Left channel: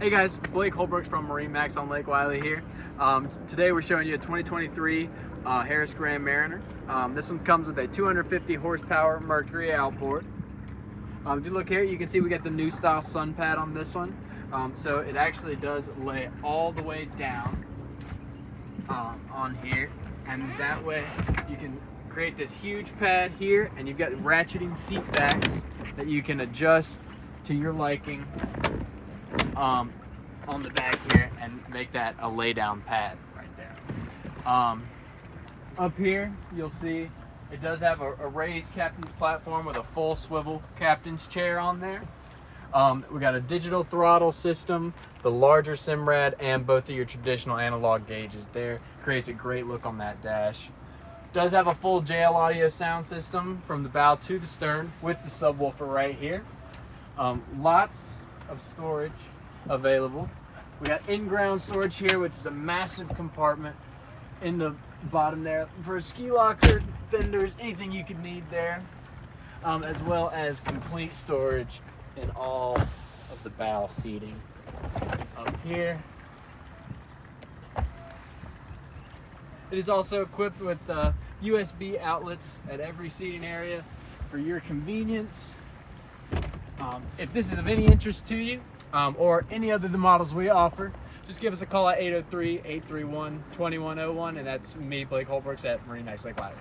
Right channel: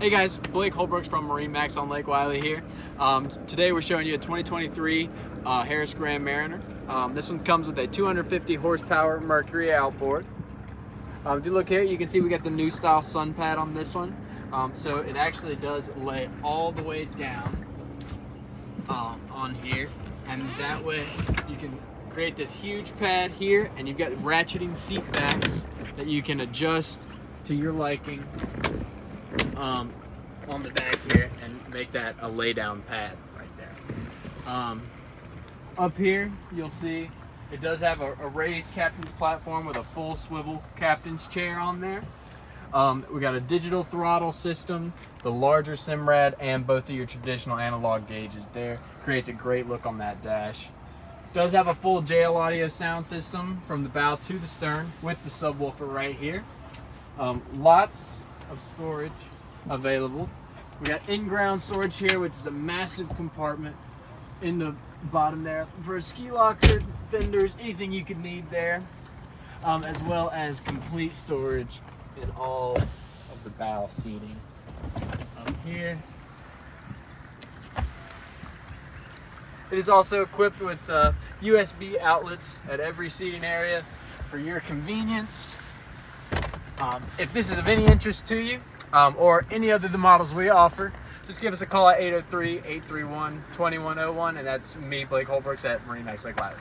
Hey guys, Blake Holbrook's from MarineMax on Lake Wylie here. Today we're showing you a 2023 Harris Grand Mariner. This one comes with a 250 horsepower Mercury outboard. If you look here, you can see we got the new style sun pad on this one. So it actually does lay all the way down on here, and that way you can create this huge pad here, and you've got ratcheting seat backs that you can adjust to your liking on the back here and make that a lay down pad right there. Up here you'll see it does have a raised captain's platform with a full swivel captain's chair on there. We got a digital throttle system, the larger Simrad, and both of your traditional analog gauges there. Creates a great look on that dash. Does have a full JL audio sound system from the bow to the stern with the subwoofer right here. Lots of storage available. We got in-ground storage here, which is a massive compartment in the bottom there for a ski locker, fenders, anything you could need there, as well as complete storage in all of the bow seating up here. It is also equipped with USB outlets at every seating area for your convenience. If this is of any interest to you, or any other of the models we offer, just give us a call at 803-831-2101, and that's me, Blake Holbrooks, at MarineMax Lake Wylie.